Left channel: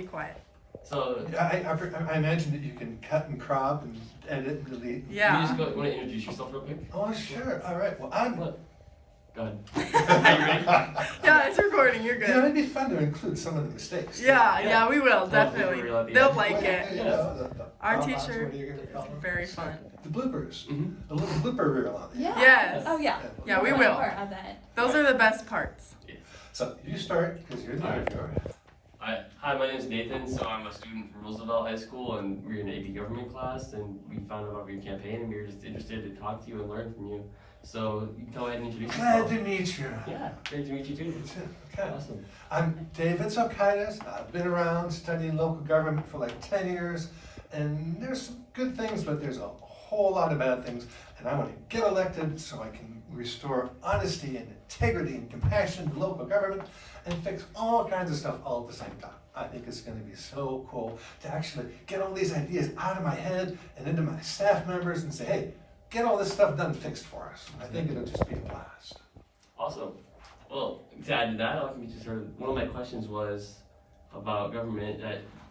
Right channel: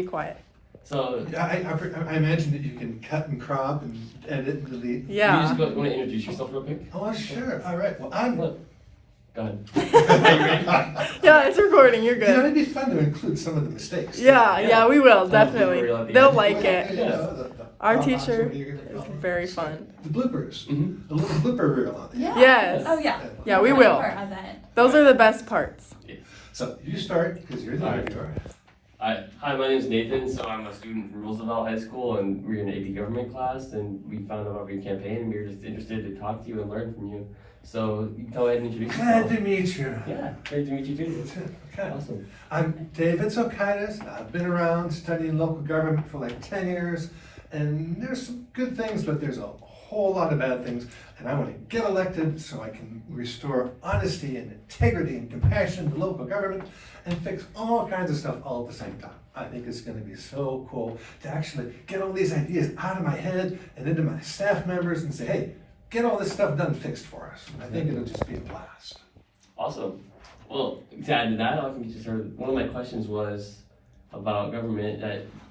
Be quiet. So I imagine that you can cut and crop and edit and delete. Yeah. you just want to introduce yourself real quick? Oh, sure. All right. Well, I'm. Look. Go ahead. Are you ready? Yeah, it's recording. You're You know, good. it'd be fun to include some of the mistakes. Yeah, we will, Yeah, definitely. we'll do it. They'll like it. You know, the Our drop-offs, teacher what are you gonna is call them? very fun. The bloopers. Mhm. A little blooper reel on it. Yeah. Yes. Oh, yeah. Yeah, we More will. on that. Those are the best parts. So you start because you're the All right. interviewer. Hi, my name is Nathan. So I'm a student from Roosevelt High School, and we're in an AP government class. And we found out about your campaign, and we were just interested to talk to you and learn from you. So you can go ahead and introduce Glad yourself. to meet you. Yeah, great to meet you too. Okay. Awesome. I'm David Sokaitis. I've been around studying local government for like 10 years, and there's some good things, but there's a whole lot of bad things. And I want to get elected so I can restore honesty and integrity and compassion to local government and fix all kinds of stuff all at the same time. I think it's going to be so cool to actually get all these ideas out of my head and into my staff members and say, hey, get all this stuff done, fixed for us. And I think it'll just be a blast. Awesome. Well, to add to that, I'll give you just sort of, one of my questions was about government.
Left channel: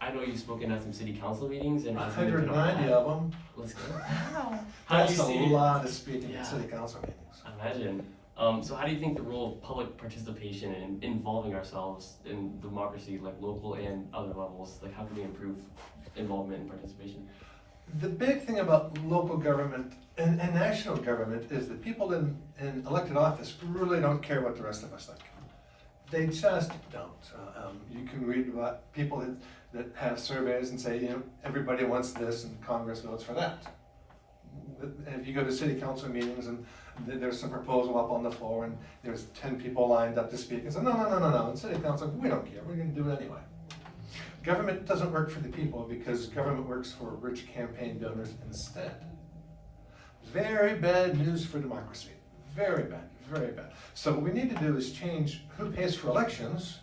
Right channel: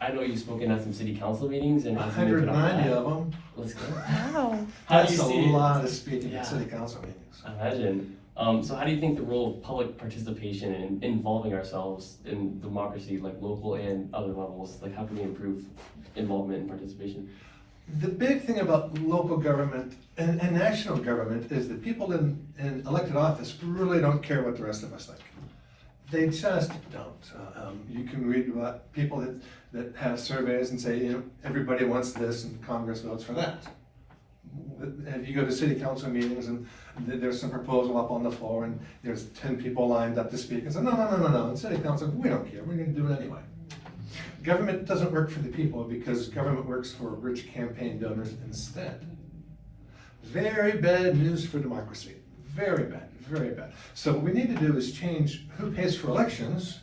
I know you've spoken at some city council meetings and 190 of them. Let's go. Wow. How do That's you a see? lot of speaking Yeah. at city council meetings. I imagine. So how do you think the role of public participation and involving ourselves in democracy, like local and other levels, like how can we improve involvement and participation? The big thing about local government and national government is that people in elected office really don't care what the rest of us think. They just don't. You can read about people that have surveys and say, you know, everybody wants this and Congress votes for that. If you go to city council meetings and there's some proposal up on the floor and there's 10 people lined up to speak and say, no, in city council, we don't care, we're gonna do it anyway. Government doesn't work for the people because government works for rich campaign donors instead. Very bad news for democracy. Very bad, very bad. So what we need to do is change who pays for elections.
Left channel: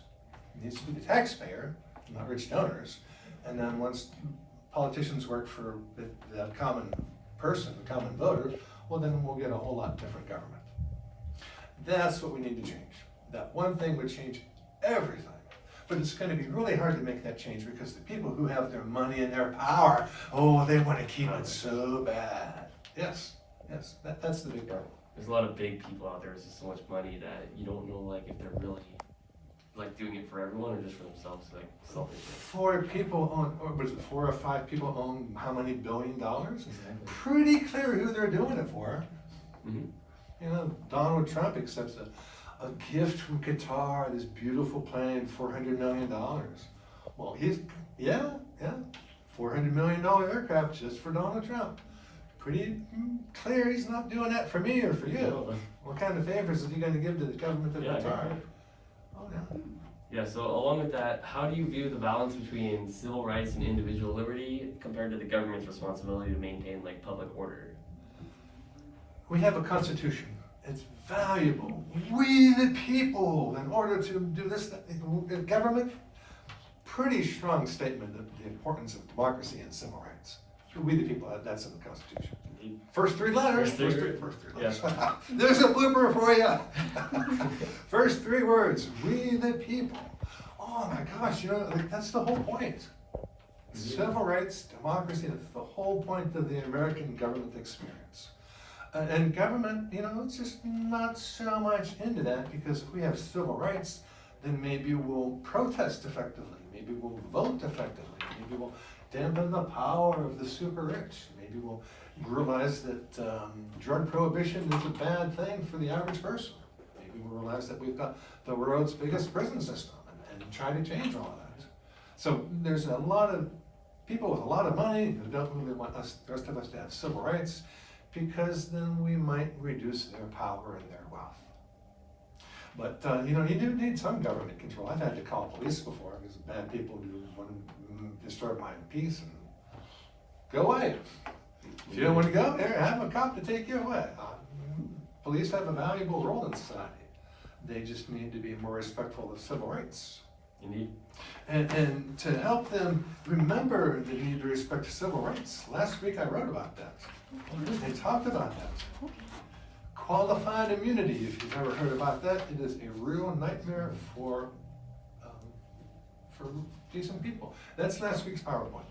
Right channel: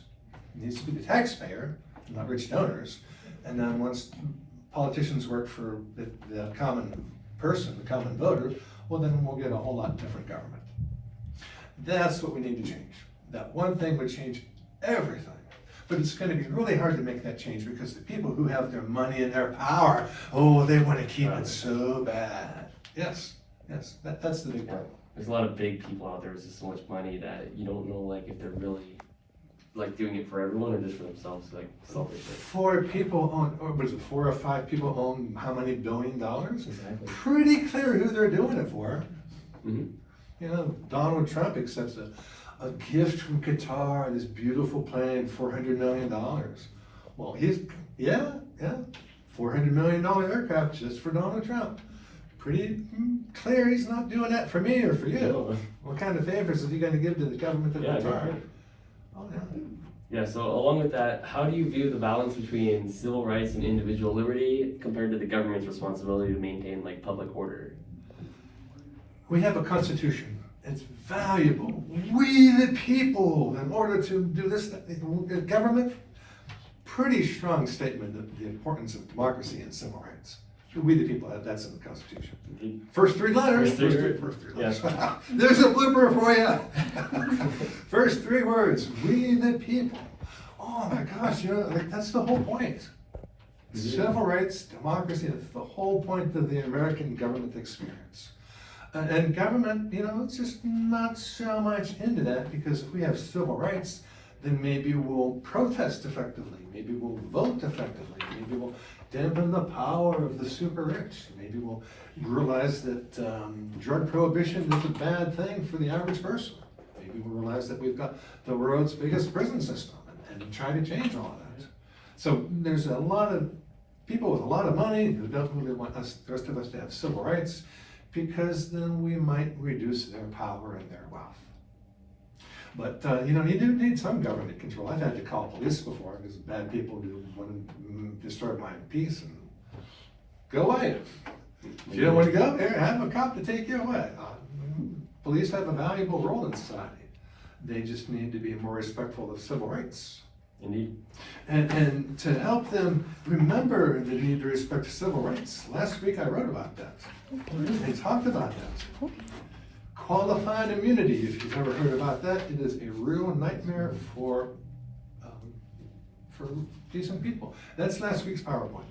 It needs to be the taxpayer, not rich donors. And then once politicians work for the common person, the common voter, well then we'll get a whole lot different government. That's what we need to change. That one thing would change everything. But it's going to be really hard to make that change because the people who have their money and their power, oh, they want to keep it so bad. Yes, that's the big problem. There's a lot of big people out there. There's just so much money that you don't know, like, if they're really like doing it for everyone or just for themselves, like selfishly. 4 people own, or was it 4 or 5 people own how many $1 billion? Exactly. Pretty clear who they're doing it for. Mm-hmm. You know, Donald Trump accepts a gift from Qatar, this beautiful plane, $400 million. Well, yeah, $400 million aircraft just for Donald Trump. Pretty clear he's not doing that for me or for you. No. What kind of favors is he going to give to the government of Yeah, Qatar? great. Oh, yeah. Yeah, so along with that, how do you view the balance between civil rights and individual liberty compared to the government's responsibility to maintain like public order? We have a constitution. It's valuable. We the people, in order to do this, government, pretty strong statement of the importance of democracy and civil rights. We the people, that's in the Constitution. First 3 letters. First three letters. There's a blooper for you. First 3 words. We the people. Oh my gosh, you know, like that's the whole point. Civil rights, democracy, that's the whole point of the American government experience. And government, you know, it's just not so much into that because if we have civil rights, then maybe we'll protest effectively, maybe we'll vote effectively, maybe we'll dampen the power of the super rich, maybe we'll realize that drug prohibition is a bad thing for the average person. Maybe we'll realize that we've got the world's biggest prison system and try to change all that. So there's a lot of people with a lot of money who don't really want us, the rest of us, to have civil rights, because then we might reduce their power and their wealth. But, you know, you do need some government control. I've had to call police before because bad people who want to destroy my peace and go away. If you don't want to go, here, have a cop to take you away. Police have a valuable role in society. They just need to be more respectful of civil rights. Indeed. And to help them remember the need to respect civil rights, last week I wrote about that. I talked about that. Qualified immunity, if you've ever heard about that, it is a real nightmare for for decent people. That's last week's PowerPoint.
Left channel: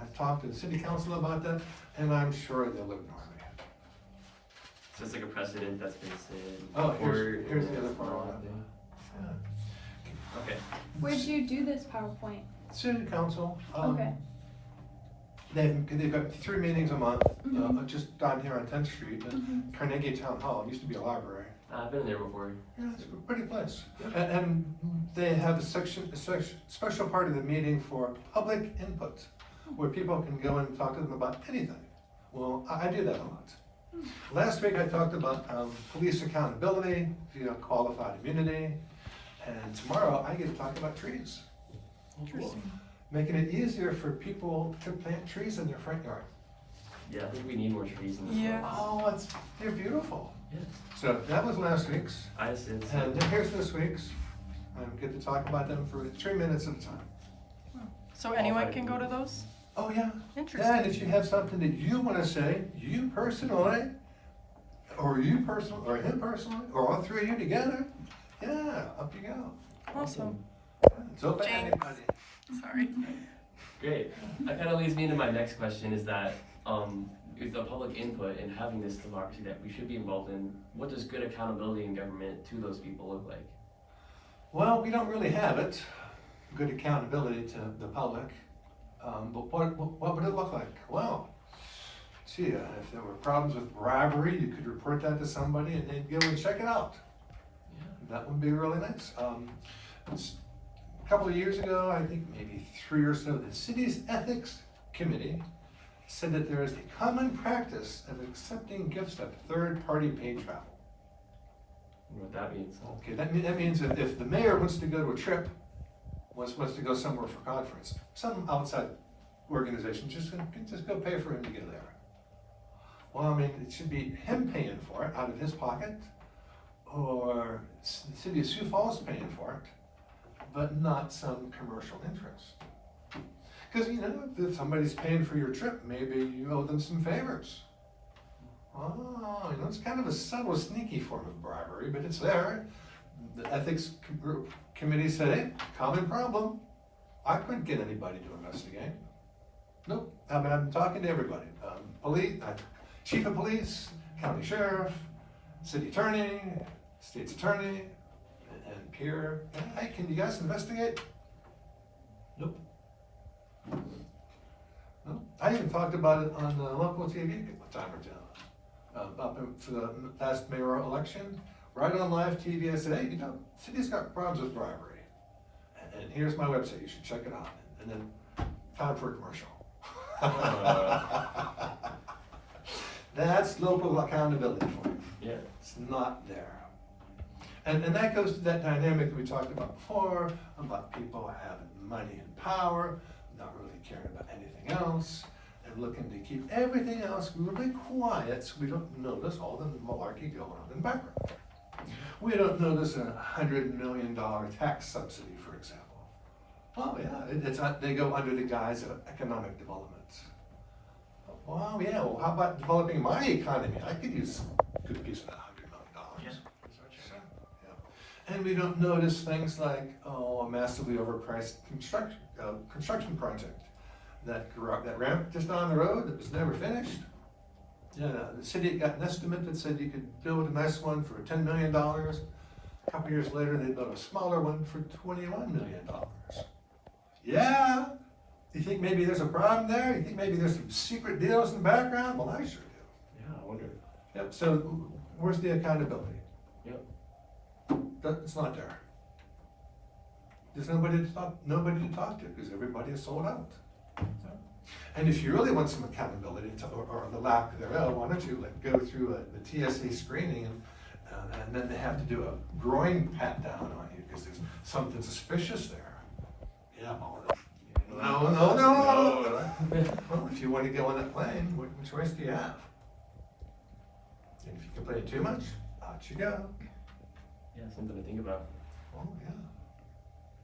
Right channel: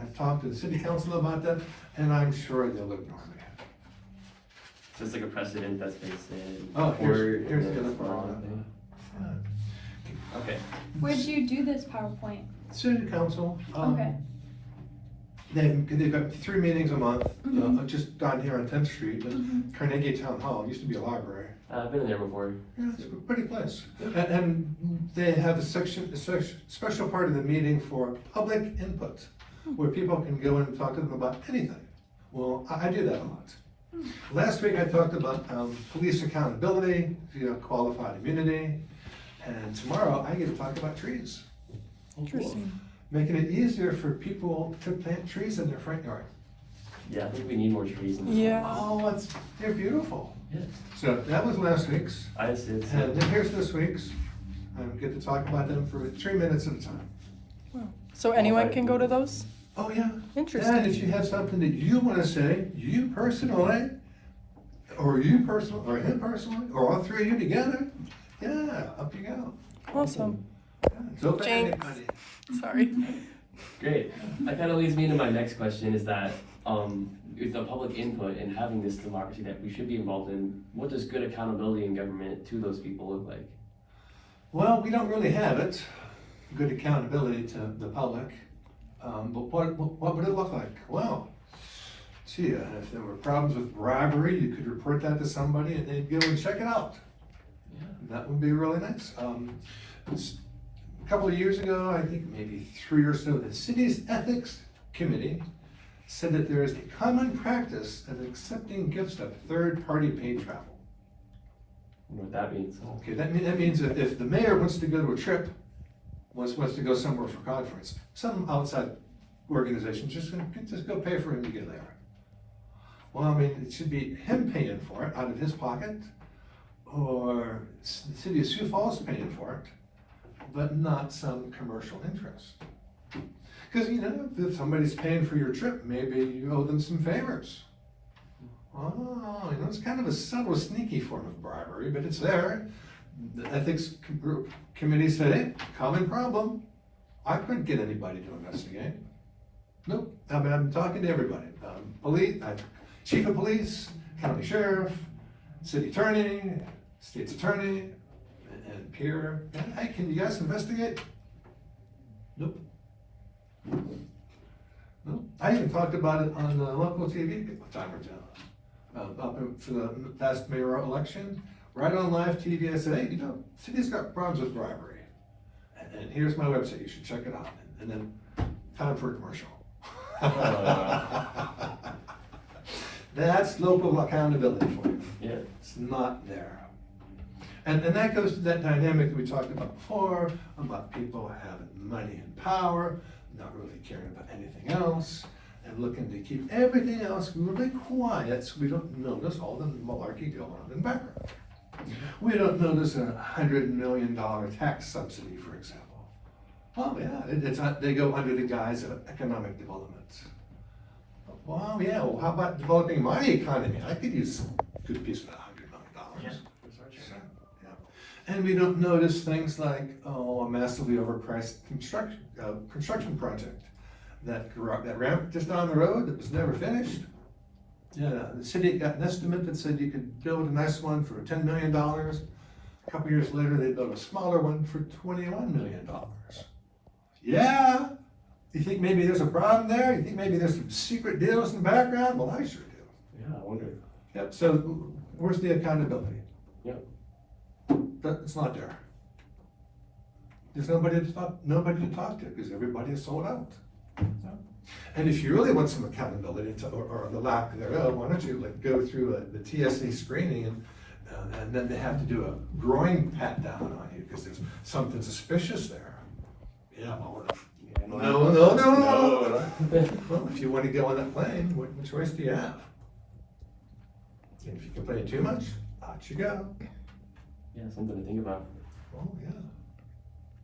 I've talked to the city council about that, and I'm sure they'll ignore me. So it's like a precedent that's been set. Oh, forward, here's and the then other it's part all of that. thing. Okay. Where'd you do this PowerPoint? City council. Okay. They've got 3 meetings a month, Mhm. just down here on 10th Street, at Carnegie Town Hall. It used to be a library. I've been in there before. Yeah, it's a pretty place. And they have a special part of the meeting for public input, where people can go and talk to them about anything. Well, I do that a lot. Last week I talked about police accountability via qualified immunity, and tomorrow I get to talk about trees. Interesting. Making it easier for people to plant trees in their front yard. Yeah, I think we need more trees in this. Yeah. Oh, they're beautiful. Yes. So that was last week's. I assume so. And then here's this week's. I get to talk about them for 3 minutes at a time. So anyone can go to those? Oh, yeah. Interesting. And if you have something that you want to say, you personally, or him personally, or all 3 of you together, yeah, up you go. Awesome. It's open to Jinx. anybody. Sorry. Great. That kind of leads me to my next question is that with the public input and having this democracy that we should be involved in, what does good accountability in government to those people look like? Well, we don't really have it, good accountability to the public. But what would it look like? Well, gee, if there were problems with bribery, you could report that to somebody and they'd go and check it out. Yeah. That would be really nice. A couple of years ago, I think maybe 3 or so, the city's ethics committee said that there is a common practice of accepting gifts of third-party paid travel. You know what that means? Okay, that means that if the mayor wants to go to a trip, wants to go somewhere for conference, some outside organization just go pay for him to get there. Well, I mean, it should be him paying for it out of his pocket, or the city of Sioux Falls paying for it, but not some commercial interest. Because, if somebody's paying for your trip, maybe you owe them some favors. Oh, it's kind of a subtle, sneaky form of bribery, but it's there. The ethics committee said, hey, common problem. I couldn't get anybody to investigate. Nope, I'm talking to everybody. Police, chief of police, county sheriff, city attorney, state's attorney, and peer. Hey, can you guys investigate? Nope. Nope. I even talked about it on the local TV a time or two. Up for the last mayoral election, right on live TV, I said, hey, city's got problems with bribery. And here's my website, you should check it out. And then, time for a commercial. That's local accountability for you. Yeah. It's not there. And that goes to that dynamic that we talked about before, about people having money and power, not really caring about anything else, and looking to keep everything else really quiet so we don't notice all the malarkey going on in the background. We don't notice a $100 million tax subsidy, for example. Oh yeah, they go under the guise of economic development. Well, yeah, how about developing my economy? I could use some good piece of that $100 million. And we don't notice things like, a massively overpriced construction project. That ramp just down the road that was never finished. Yeah, the city got an estimate that said you could build a nice one for $10 million. A couple years later, they built a smaller one for $21 million. Yeah, you think maybe there's a problem there? You think maybe there's some secret deals in the background? Well, I sure do. Yeah, I wonder. Yep, so where's the accountability? Yep. It's not there. There's nobody to talk to because everybody is sold out. And if you really want some accountability or the lack thereof, why don't you go through the TSA screening and then they have to do a groin pat down on you because there's something suspicious there. Yeah, well, no. Well, if you want to go on that plane, what choice do you have? And if you complain too much, out you go. Yeah, something to think about. Oh, yeah.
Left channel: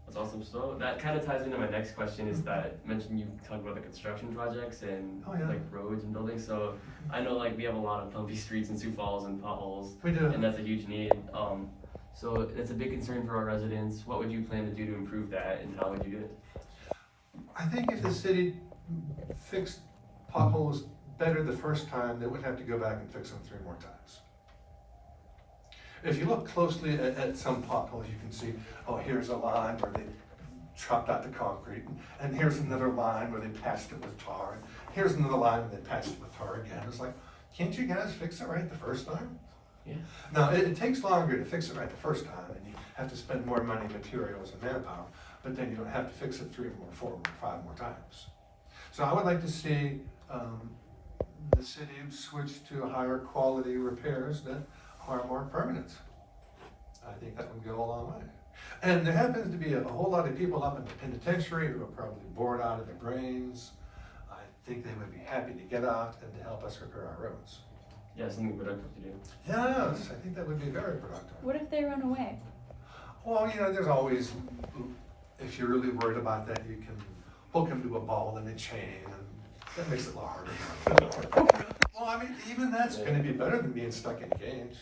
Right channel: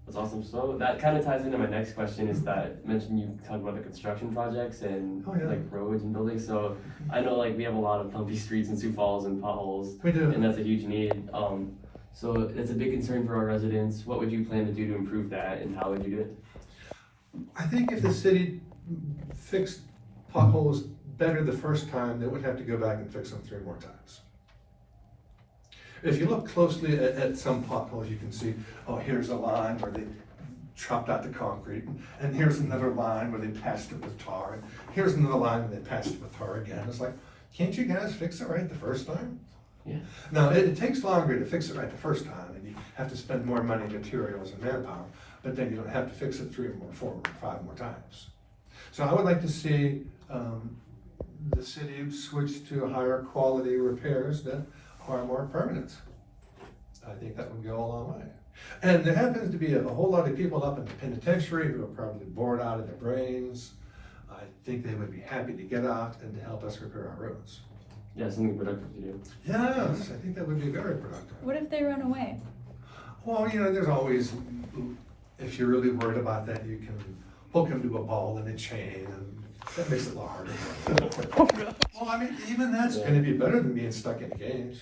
That's awesome. So that kind of ties into my next question is that mentioned you talk about the construction projects and Oh, yeah. like roads and buildings. So I know we have a lot of bumpy streets in Sioux Falls and potholes, We do. and that's a huge need. So it's a big concern for our residents. What would you plan to do to improve that, and how would you do it? I think if the city fixed potholes better the first time, they wouldn't have to go back and fix them 3 more times. If you look closely at some potholes, you can see, oh, here's a line where they chopped out the concrete, and here's another line where they patched it with tar, and here's another line where they patched it with tar again. It's like, can't you guys fix it right the first time? Yeah. Now, it takes longer to fix it right the first time, and you have to spend more money, materials, and manpower, but then you don't have to fix it 3 or 4 or 5 more times. So I would like to see the city switch to higher quality repairs that are more permanent. I think that would go a long way. And there happens to be a whole lot of people up in the penitentiary who are probably bored out of their brains. I think they would be happy to get out and to help us repair our roads. Yeah, something productive to do. Yes, I think that would be very productive. What if they run away? Well, there's always, if you're really worried about that, you can hook them to a ball and a chain, and that makes it a lot harder. Well, I mean, even that's gonna be better than being stuck in a cage.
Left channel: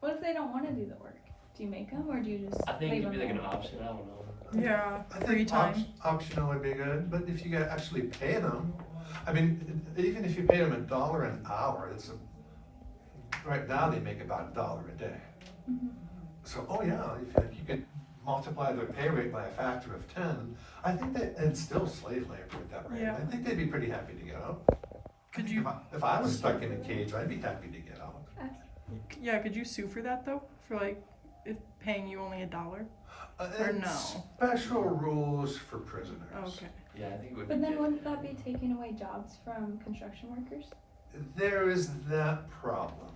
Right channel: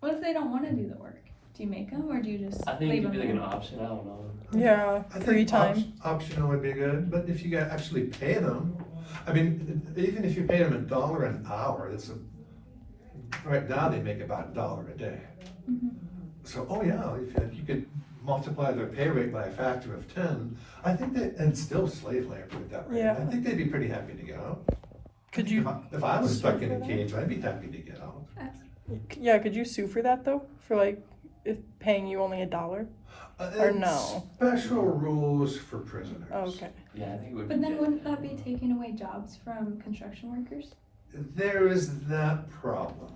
What if they don't want to do the work? Do you make them, or do you just I think it leave could be them? like an option, I don't know. Yeah, I free think time. Optional would be good, but if you got actually pay them, I mean, even if you pay them $1 an hour, right now they make about $1 a day. Mhm. So, oh yeah, if you could multiply their pay rate by a factor of 10, I think that, and it's still slave labor at that rate. Yeah. I think they'd be pretty happy to get out. Could you, If I was stuck in a cage, I'd be happy to get out. yeah, could you sue for that though? For like, if paying you only $1? Or It's no? Special rules for prisoners. Oh, okay. Yeah, I think it would be. But then wouldn't that be taking away jobs from construction workers? There is that problem.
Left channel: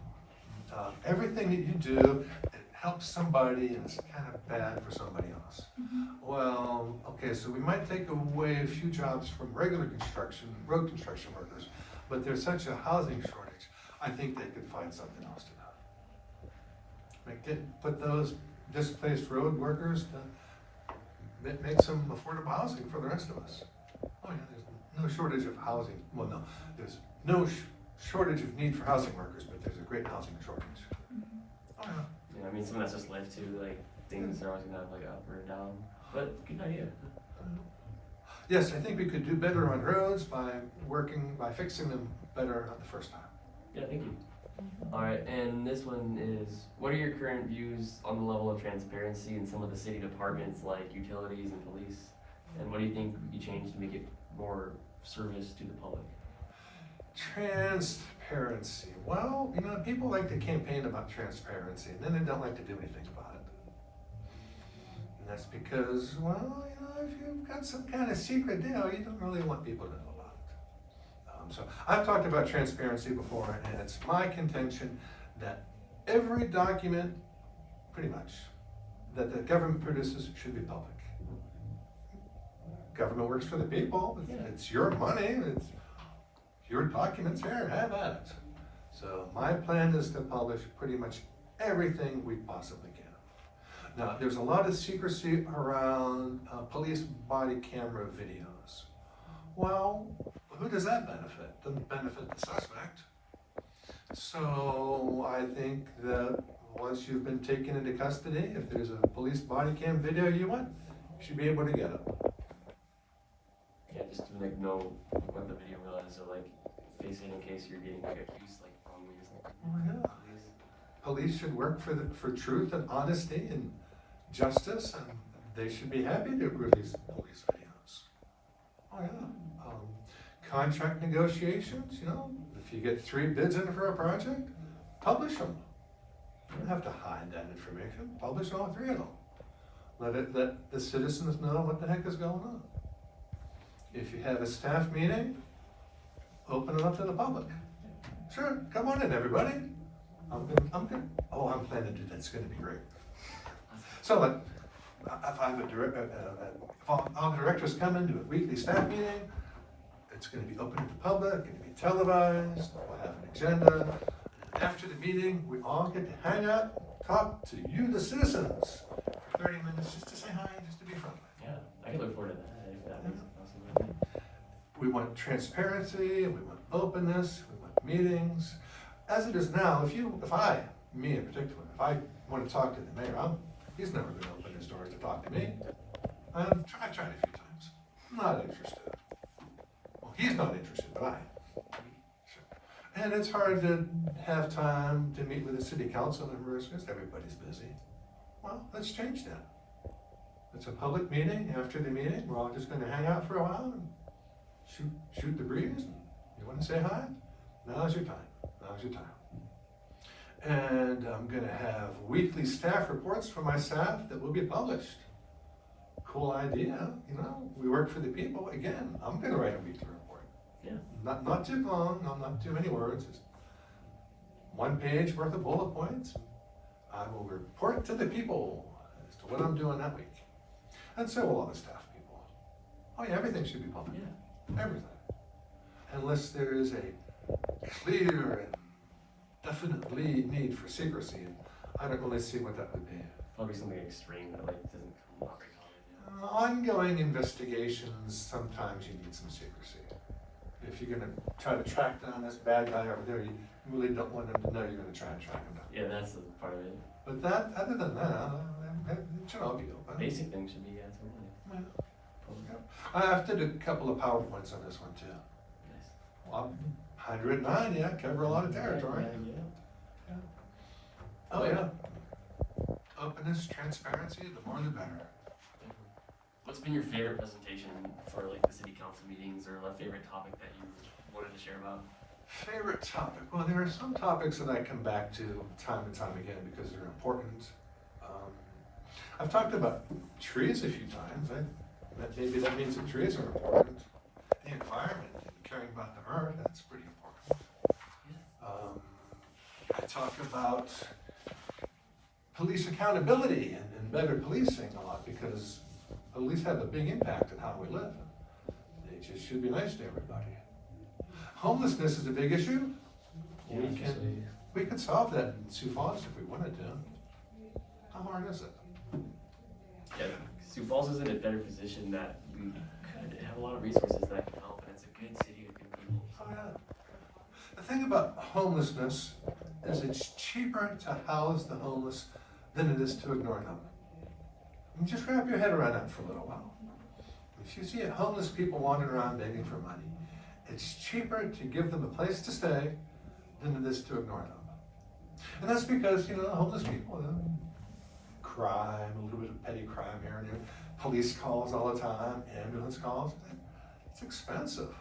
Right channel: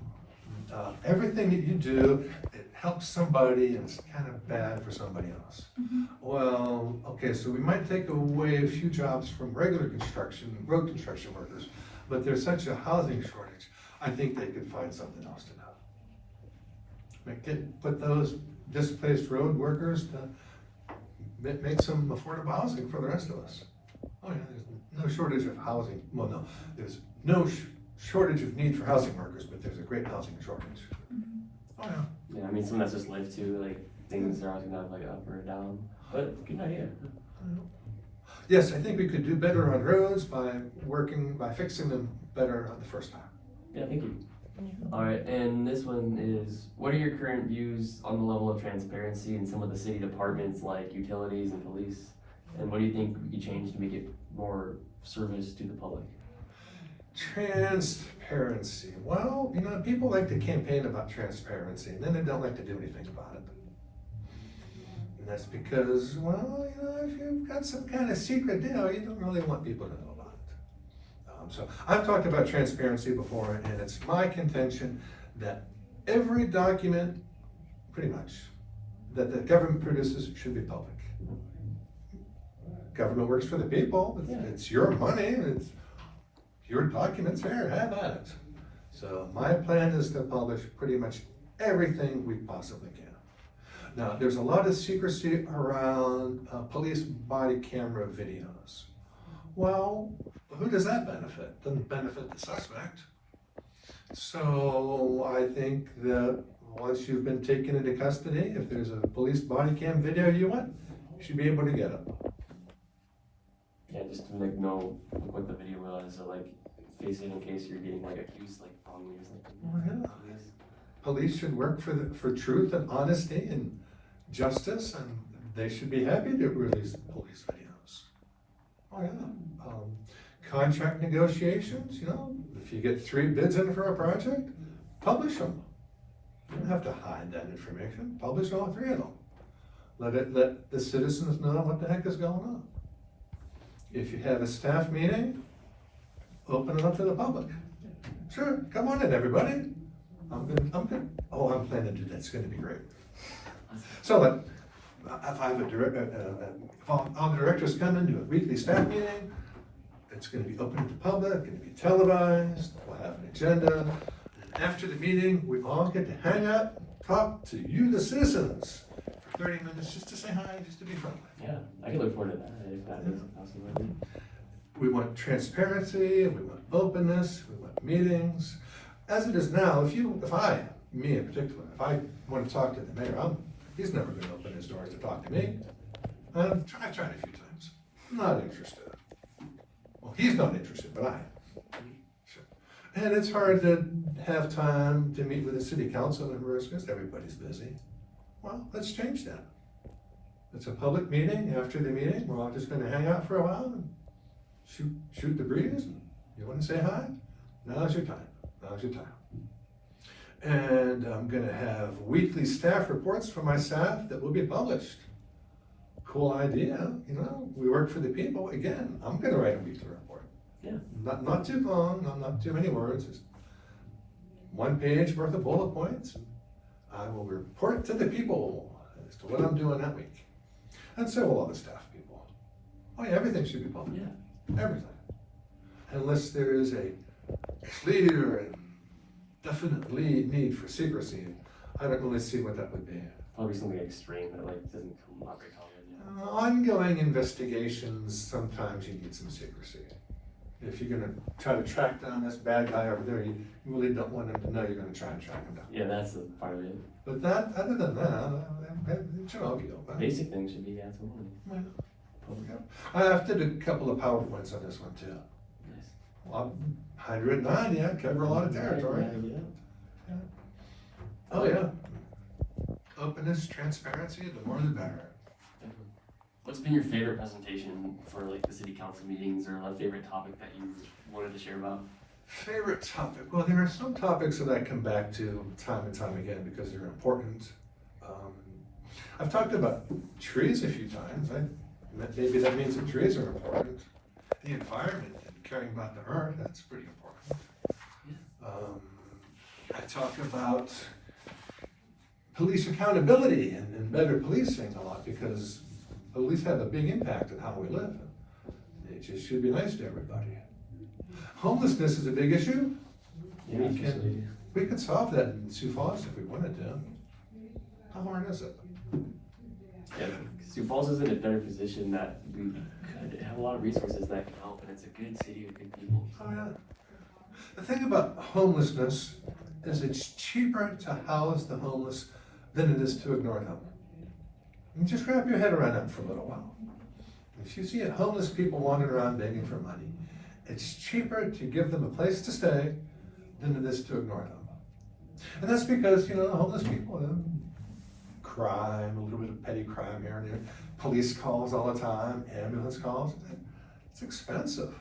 Everything that you do, it helps somebody and it's kind of bad for somebody else. Mhm. Well, okay, so we might take away a few jobs from regular construction, road construction workers, but there's such a housing shortage, I think they could find something else to do. Put those displaced road workers to make some affordable housing for the rest of us. Oh yeah, there's no shortage of housing, well, no, there's no shortage of need for housing workers, but there's a great housing shortage. Mhm. Oh yeah. Yeah, I mean, some that's just life too, like, things are always gonna have like up or down, but good idea. Yes, I think we could do better on roads by fixing them better on the first time. Yeah, thank you. Alright, and this one is, what are your current views on the level of transparency in some of the city departments like utilities and police? And what do you think could be changed to make it more service to the public? Transparency. Well, people like to campaign about transparency and then they don't like to do anything about it. And that's because, well, if you've got some kind of secret deal, you don't really want people to know about it. So I've talked about transparency before, and it's my contention that every document, pretty much, that the government produces should be public. Government works for the people, it's your money, it's your documents here, have at it. So my plan is to publish pretty much everything we possibly can. Now, there's a lot of secrecy around police body camera videos. Well, who does that benefit? Doesn't benefit the suspect. So I think that once you've been taken into custody, if there's a police body cam video you want, you should be able to get it. Yeah, just to like know what the video was, or like face it in case you're getting like accused like wrongly or something. Oh, yeah. Police should work for truth and honesty and justice, and they should be happy to release police videos. Oh yeah. Contract negotiations, if you get 3 bids in for a project, publish them. You don't have to hide that information. Publish all 3 of them. Let the citizens know what the heck is going on. If you have a staff meeting, open it up to the public. Sure, come on in, everybody. I'm good. Oh, I'm planning to do that. It's going to be great. So, if I have all the directors come into a weekly staff meeting, it's going to be open to the public, it's going to be televised, we'll have an agenda. And after the meeting, we all get to hang out, talk to you, the citizens, for 30 minutes just to say hi, just to be friendly. Yeah, I can look forward to that, if that makes it possible. We want transparency, we want openness, we want meetings. As it is now, me in particular, if I want to talk to the mayor, He's never gonna open his doors to talk to me. I tried a few times. Not interested. Well, he's not interested, but I am. Sure. And it's hard to have time to meet with the city council members because everybody's busy. Well, let's change that. It's a public meeting. After the meeting, we're all just gonna hang out for a while and shoot the breeze. You wanna say hi? Now's your time. Now's your time. And I'm gonna have weekly staff reports from my staff that will be published. Cool idea, you know, we work for the people. Again, I'm gonna write a weekly report. Yeah. Not too long, not too many words, just 1 page worth of bullet points. I will report to the people as to what I'm doing that week. And so will all the staff people. Oh yeah, everything should be public. Yeah. Everything. Unless there is a clear and definite need for secrecy, I don't really see what that would be. Probably something extreme that like doesn't come out very common. Ongoing investigations, sometimes you need some secrecy. If you're gonna try to track down this bad guy over there, you really don't want him to know you're gonna try and track him down. Yeah, that's the part of it. But that, other than that, it should all be open. Basic things should be absolutely. Well, Public. I've did a couple of PowerPoints on this one too. Nice. Well, 109, yeah, cover a lot of territory. Yeah. Oh, yeah. Openness, transparency, the more the better. What's been your favorite presentation for like the city council meetings, or a favorite topic that you wanted to share about? Favorite topic? Well, there are some topics that I come back to time and time again because they're important. I've talked about trees a few times. Maybe that means that trees are important. The environment and caring about the earth, that's pretty important. I talk about police accountability and better policing a lot because police have a big impact on how we live. It just should be nice to everybody. Homelessness is a big issue. Yeah, We could solve that in Sioux Falls if we wanted to. How hard is it? Yeah, Sioux Falls is in a better position that we could have a lot of resources that can help, and it's a good city with good people. Oh, yeah. The thing about homelessness is it's cheaper to house the homeless than it is to ignore them. And just wrap your head around that for a little while. If you see homeless people wandering around begging for money, it's cheaper to give them a place to stay than it is to ignore them. And that's because, homeless people, crime, a little bit of petty crime here and there, police calls all the time, ambulance calls. It's expensive.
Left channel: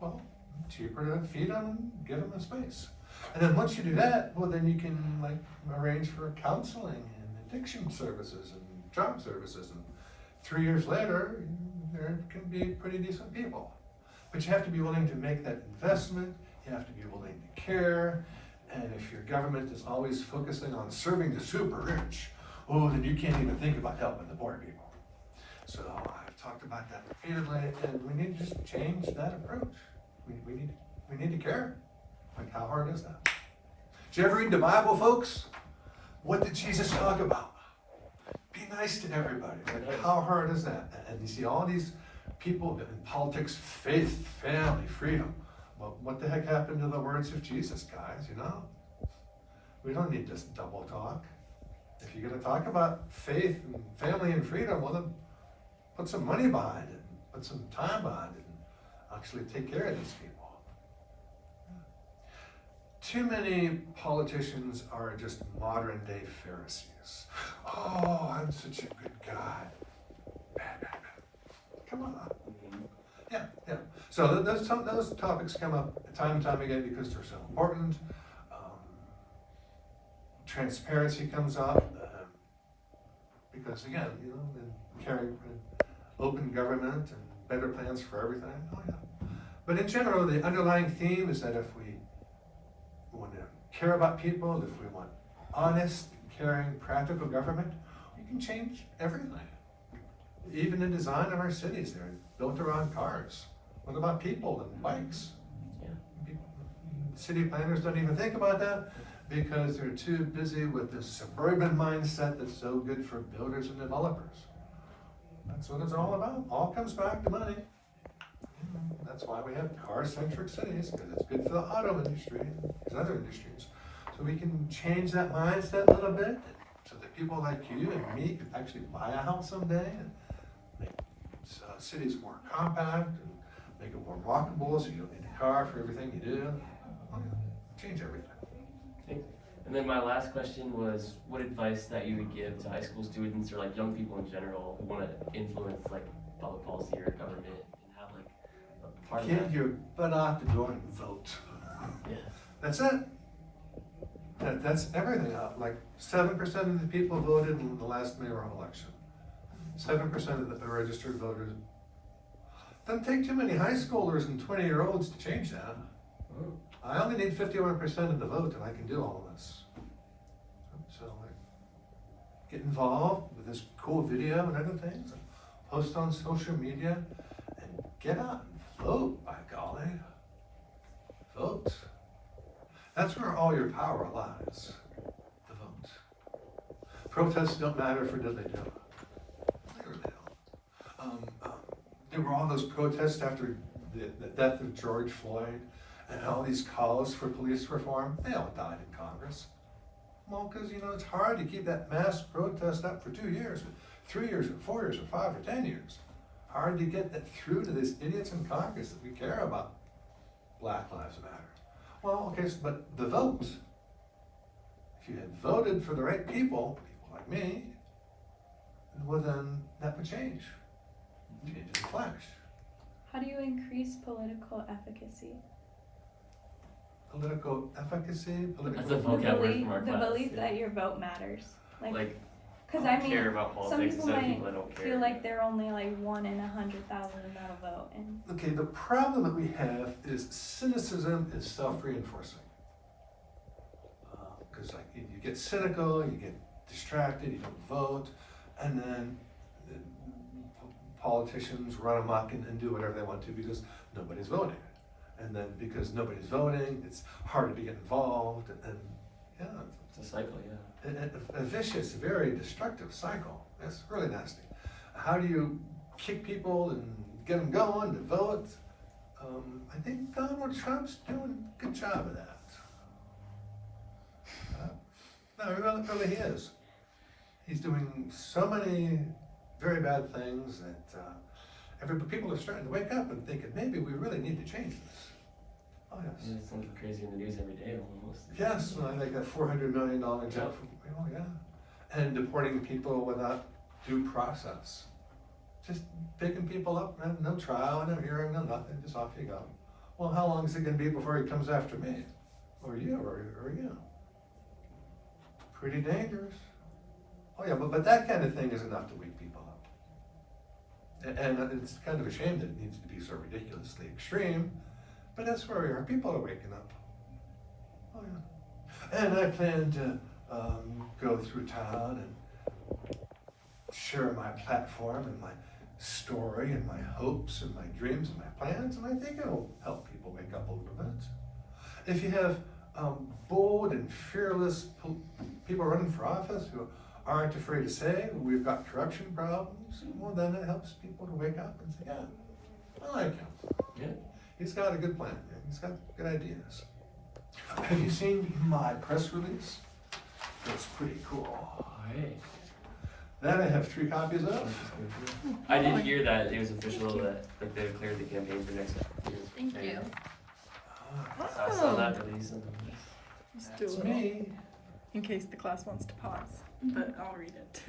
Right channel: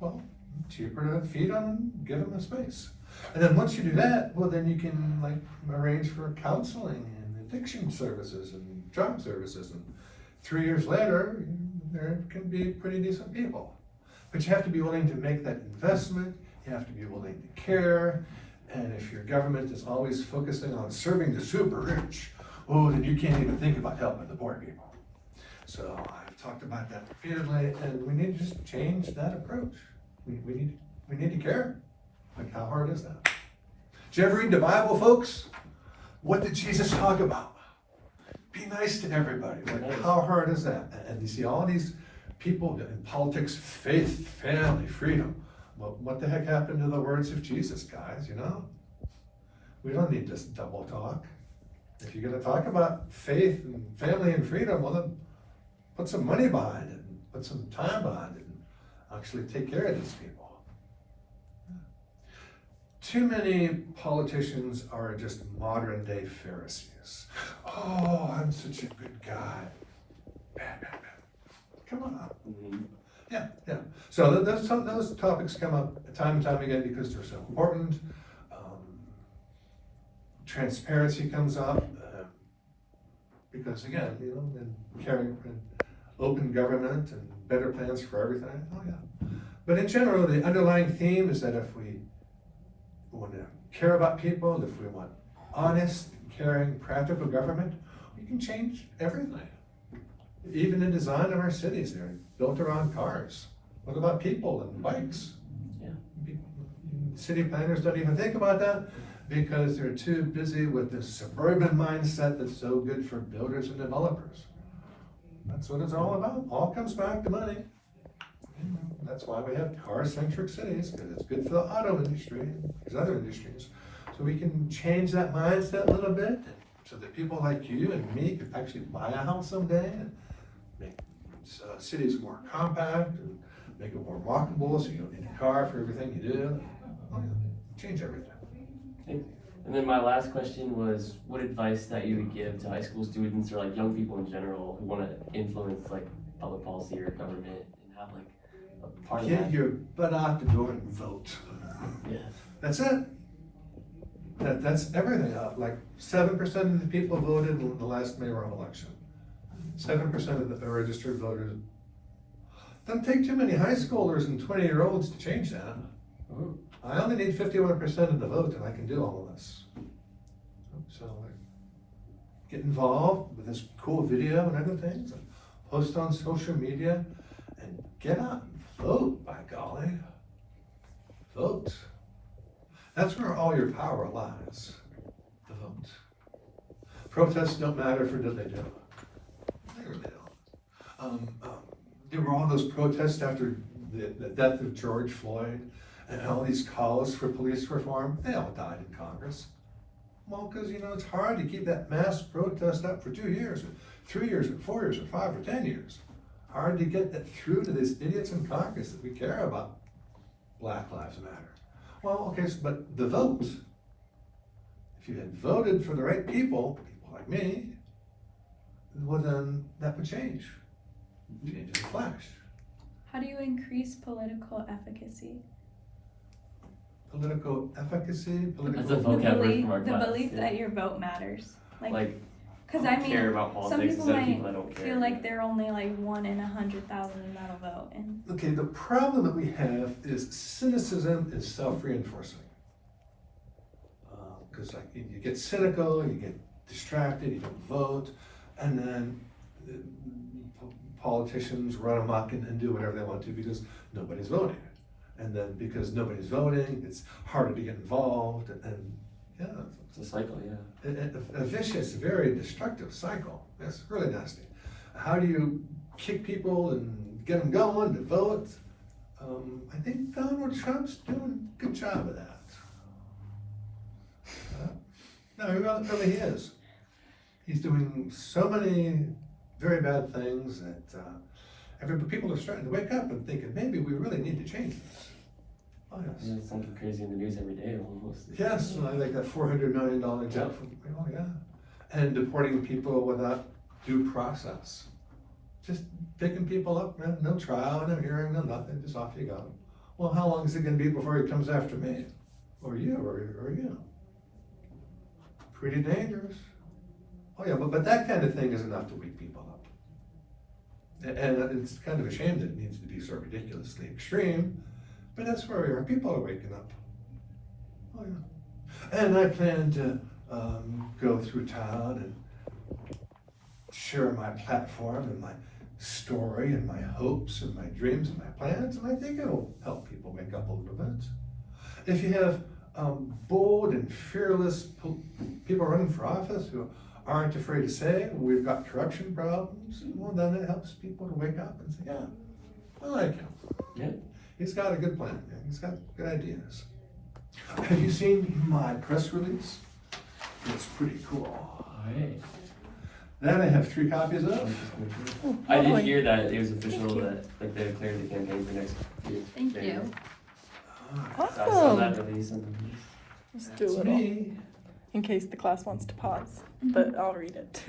Well, cheaper to feed them and give them a space. And then once you do that, well, then you can arrange for counseling and addiction services and job services. And 3 years later, there can be pretty decent people. But you have to be willing to make that investment. You have to be willing to care. And if your government is always focusing on serving the super rich, then you can't even think about helping the poor people. So I've talked about that repeatedly, and we need to just change that approach. We need to care. How hard is that? Did you ever read the Bible, folks? What did Jesus talk about? Be nice to everybody. How hard is that? And you see all these people in politics, faith, family, freedom. Well, what the heck happened to the words of Jesus, guys, We don't need this double talk. If you're going to talk about faith and family and freedom, well, then put some money behind it, put some time behind it, and actually take care of these people. Too many politicians are just modern day Pharisees. Oh, I'm such a good guy. Bad. Come on. Mm-hmm. Yeah. So those topics come up time and time again because they're so important. Transparency comes up because again, and caring for open government and better plans for everything. Oh yeah. But in general, the underlying theme is that if we want to care about people, if we want honest, caring, practical government, we can change everything. Even in design in our cities, they're built around cars. What about people and bikes? Yeah. City planners don't even think about that because they're too busy with this suburban mindset that's so good for builders and developers. That's what it's all about. All comes back to money. That's why we have car-centric cities, because it's good for the auto industry, because other industries. So we can change that mindset a little bit, so that people like you and me could actually buy a house someday and make cities more compact and make it more walkable, so you don't need a car for everything you do. Change everything. And then my last question was, what advice that you would give to high school students or like young people in general who want to influence like public policy or government and have like a part of Get that? your butt out the door and vote. Yeah. That's it. That's everything. Like 7% of the people voted in the last mayoral election. 7% of the registered voters. Doesn't take too many high schoolers and 20-year-olds to change that. Oh. I only need 51% of the vote and I can do all of this. So like, get involved with this cool video and other things, and post on social media, and get out and vote, by golly. Vote. That's where all your power lies, the vote. Protests don't matter for did they do. They really don't. There were all those protests after the death of George Floyd, and all these calls for police reform. They all died in Congress. Well, because it's hard to keep that mass protest up for 2 years, or 3 years, or 4 years, or 5 or 10 years. Hard to get that through to these idiots in Congress that we care about Black Lives Matter. Well, okay, but the vote. If you had voted for the right people like me, well then that would change. Change in a flash. How do you increase political efficacy? Political efficacy, That's a political. vocab word from our The class. belief Yeah. that your vote matters. Like, Because I I mean, care about some politics people instead of people might that don't care. feel like they're only like 1 in 100,000 without a vote, and Okay, the problem that we have is cynicism is self-reinforcing. Because like you get cynical, you get distracted, you don't vote, and then politicians run amok and do whatever they want to because nobody's voting. And then because nobody's voting, it's harder to get involved, and yeah, It's a cycle, yeah. a vicious, very destructive cycle. That's really nasty. How do you kick people and get them going to vote? I think Donald Trump's doing a good job of that. No, he really is. He's doing so many very bad things that people are starting to wake up and thinking, maybe we really need to change this. Oh, yes. And it's something crazy in the news every day almost. Yes, like that $400 million jet from, oh yeah. And deporting people without due process. Just picking people up, no trial, no hearing, no nothing, just off you go. Well, how long is it gonna be before he comes after me? Or you, or you? Pretty dangerous. Oh yeah, but that kind of thing is enough to wake people up. And it's kind of a shame that it needs to be so ridiculously extreme, but that's where we are. People are waking up. Oh yeah. And I plan to go through town and share my platform and my story and my hopes and my dreams and my plans, and I think it'll help people wake up a little bit. If you have bold and fearless people running for office who aren't afraid to say, we've got corruption problems, well then it helps people to wake up and say, yeah, I like him. Yeah. He's got a good plan, he's got good ideas. Have you seen my press release? It's pretty cool. Alright. That I have 3 copies of. I did Lovely. hear that it was official that like they declared the campaign for next year. Thank There you. go. So I saw that Awesome. release and Let's do a That's little, me. in case the class wants to pause, but I'll read it.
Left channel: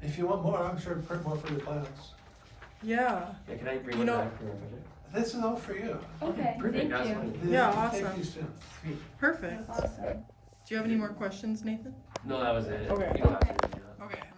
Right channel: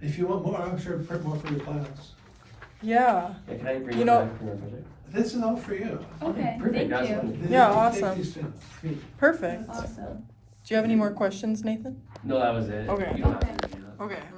If you want more, I'm sure I'll print more for your class. Yeah, yeah, can I bring You it know- back for my project? This is all for you. Okay, perfect, thank that's you. funny. Yeah, Thank awesome. you soon. Sweet. perfect. Awesome. Do you have any more questions, Nathan? No, that was it. Okay. You don't have to. Okay.